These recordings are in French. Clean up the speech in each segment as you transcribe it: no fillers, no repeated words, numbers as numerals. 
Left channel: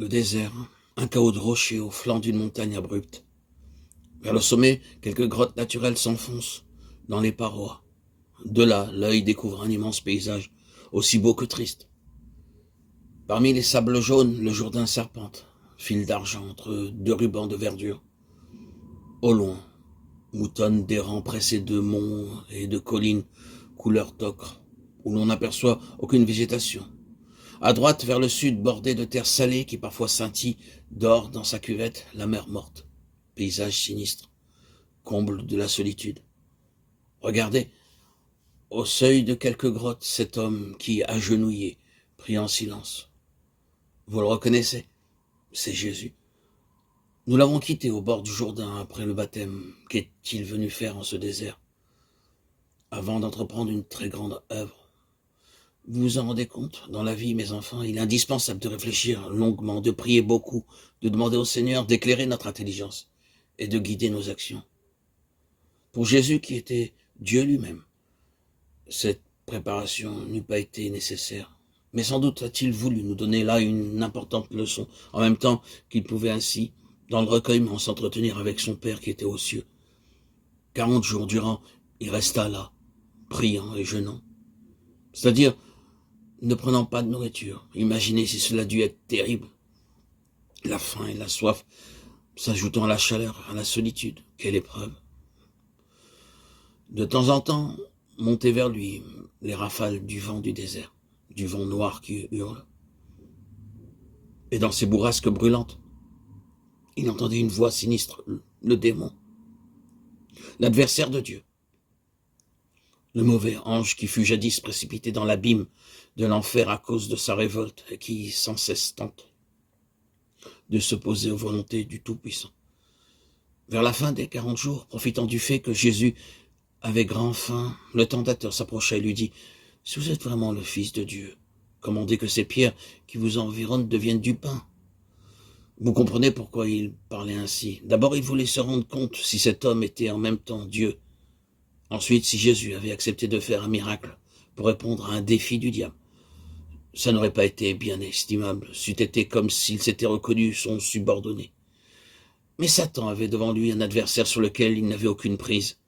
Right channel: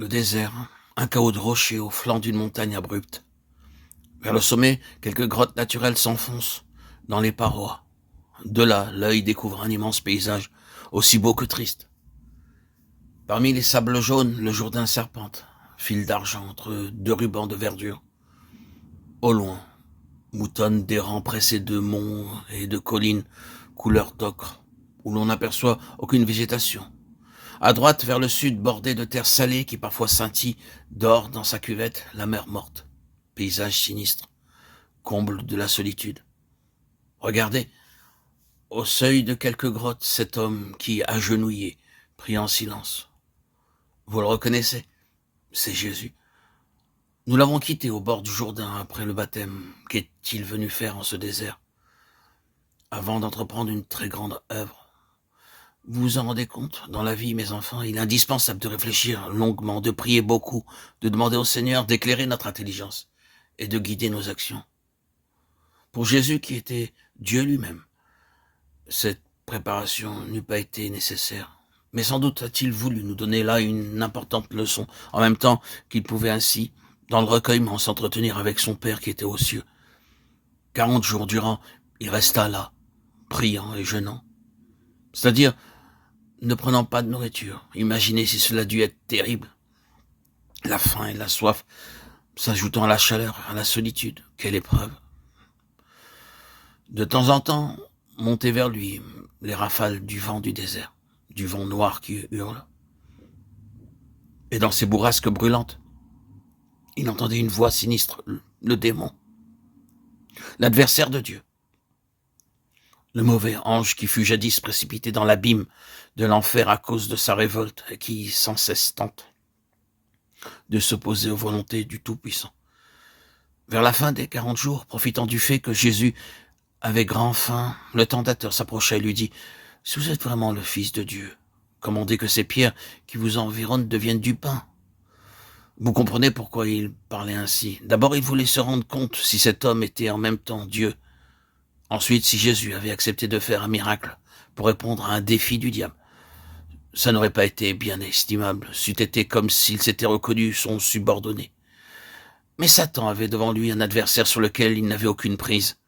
Le désert, un chaos de rochers au flanc d'une montagne abrupte. Vers le sommet, quelques grottes naturelles s'enfoncent dans les parois. De là, l'œil découvre un immense paysage, aussi beau que triste. Parmi les sables jaunes, le Jourdain serpente, fil d'argent entre deux rubans de verdure. Au loin, moutonnent des rangs pressés de monts et de collines couleur d'ocre, où l'on n'aperçoit aucune végétation. À droite, vers le sud, bordé de terre salée qui parfois scintille, dort dans sa cuvette la mer morte. Paysage sinistre, comble de la solitude. Regardez, au seuil de quelques grottes, cet homme qui, agenouillé, prie en silence. Vous le reconnaissez? C'est Jésus. Nous l'avons quitté au bord du Jourdain après le baptême. Qu'est-il venu faire en ce désert? Avant d'entreprendre une très grande œuvre. Vous vous en rendez compte? Dans la vie, mes enfants, il est indispensable de réfléchir longuement, de prier beaucoup, de demander au Seigneur d'éclairer notre intelligence et de guider nos actions. Pour Jésus qui était Dieu lui-même, cette préparation n'eût pas été nécessaire. Mais sans doute a-t-il voulu nous donner là une importante leçon, en même temps qu'il pouvait ainsi, dans le recueillement, s'entretenir avec son Père qui était aux cieux. 40 jours durant, il resta là, priant et jeûnant. C'est-à-dire, ne prenant pas de nourriture. Imaginez si cela a dû être terrible. La faim et la soif s'ajoutant à la chaleur, à la solitude. Quelle épreuve! De temps en temps, montaient vers lui les rafales du vent du désert, du vent noir qui hurle. Et dans ces bourrasques brûlantes, il entendait une voix sinistre, le démon, l'adversaire de Dieu. Le mauvais ange qui fut jadis précipité dans l'abîme de l'enfer à cause de sa révolte et qui sans cesse tente de s'opposer aux volontés du Tout-Puissant. Vers la fin des 40 jours, profitant du fait que Jésus avait grand faim, le tentateur s'approcha et lui dit « Si vous êtes vraiment le Fils de Dieu, commandez que ces pierres qui vous environnent deviennent du pain. » Vous comprenez pourquoi il parlait ainsi. D'abord, il voulait se rendre compte si cet homme était en même temps Dieu. Ensuite, si Jésus avait accepté de faire un miracle pour répondre à un défi du diable, ça n'aurait pas été bien estimable, c'eût été comme s'il s'était reconnu son subordonné. Mais Satan avait devant lui un adversaire sur lequel il n'avait aucune prise.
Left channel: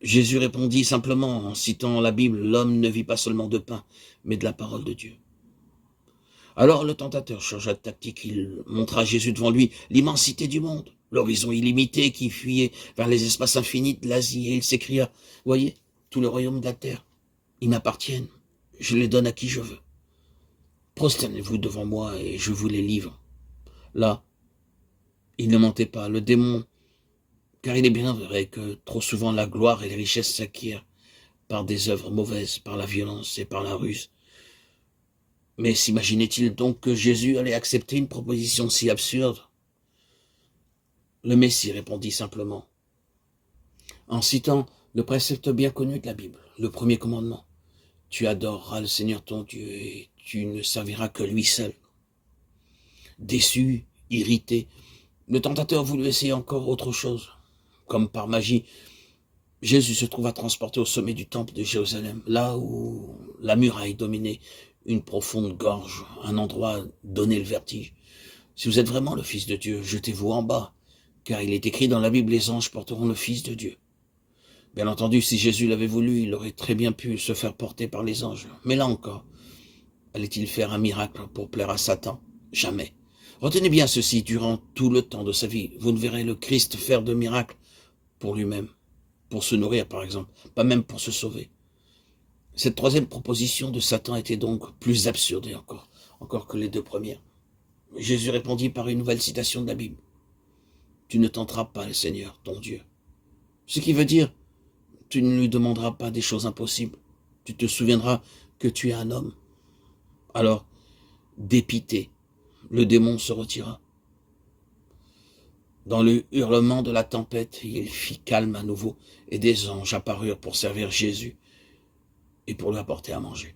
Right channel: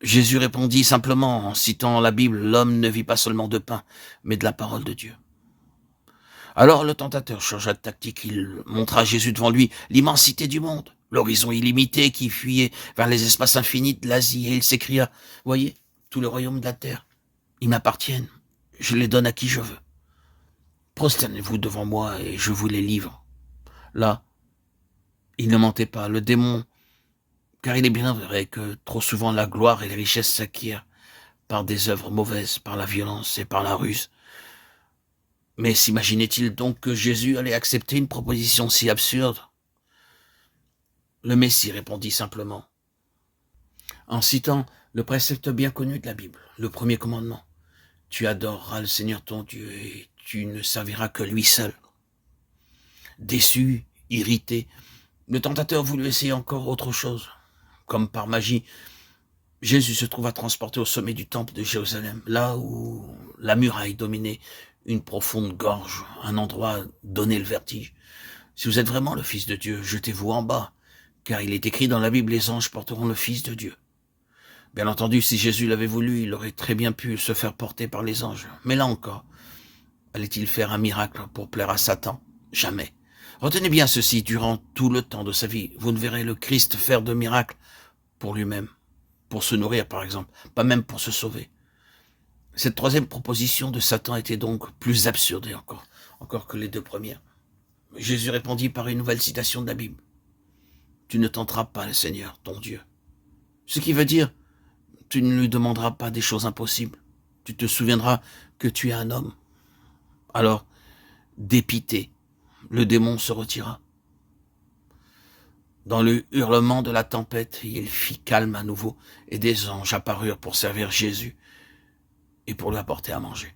Jésus répondit simplement en citant la Bible, « L'homme ne vit pas seulement de pain, mais de la parole de Dieu. » Alors le tentateur changea de tactique, il montra à Jésus devant lui l'immensité du monde, l'horizon illimité qui fuyait vers les espaces infinis de l'Asie, et il s'écria, « Voyez, tout le royaume de la terre, ils m'appartiennent, je les donne à qui je veux. Prosternez-vous devant moi et je vous les livre. » Là, il ne mentait pas, le démon, car il est bien vrai que trop souvent la gloire et les richesses s'acquièrent par des œuvres mauvaises, par la violence et par la ruse. Mais s'imaginait-il donc que Jésus allait accepter une proposition si absurde? Le Messie répondit simplement, en citant le précepte bien connu de la Bible, le premier commandement. Tu adoreras le Seigneur ton Dieu et tu ne serviras que lui seul. Déçu, irrité, le tentateur voulut essayer encore autre chose. Comme par magie, Jésus se trouva transporté au sommet du temple de Jérusalem, là où la muraille dominait une profonde gorge, un endroit donnait le vertige. Si vous êtes vraiment le Fils de Dieu, jetez-vous en bas, car il est écrit dans la Bible, les anges porteront le Fils de Dieu. Bien entendu, si Jésus l'avait voulu, il aurait très bien pu se faire porter par les anges. Mais là encore, allait-il faire un miracle pour plaire à Satan? Jamais. Retenez bien ceci, durant tout le temps de sa vie, vous ne verrez le Christ faire de miracles pour lui-même, pour se nourrir par exemple, pas même pour se sauver. Cette troisième proposition de Satan était donc plus absurde encore que les deux premières. Jésus répondit par une nouvelle citation de la Bible. Tu ne tenteras pas le Seigneur, ton Dieu. Ce qui veut dire, tu ne lui demanderas pas des choses impossibles. Tu te souviendras que tu es un homme. Alors, dépité, le démon se retira. Dans le hurlement de la tempête, il fit calme à nouveau, et des anges apparurent pour servir Jésus et pour lui apporter à manger.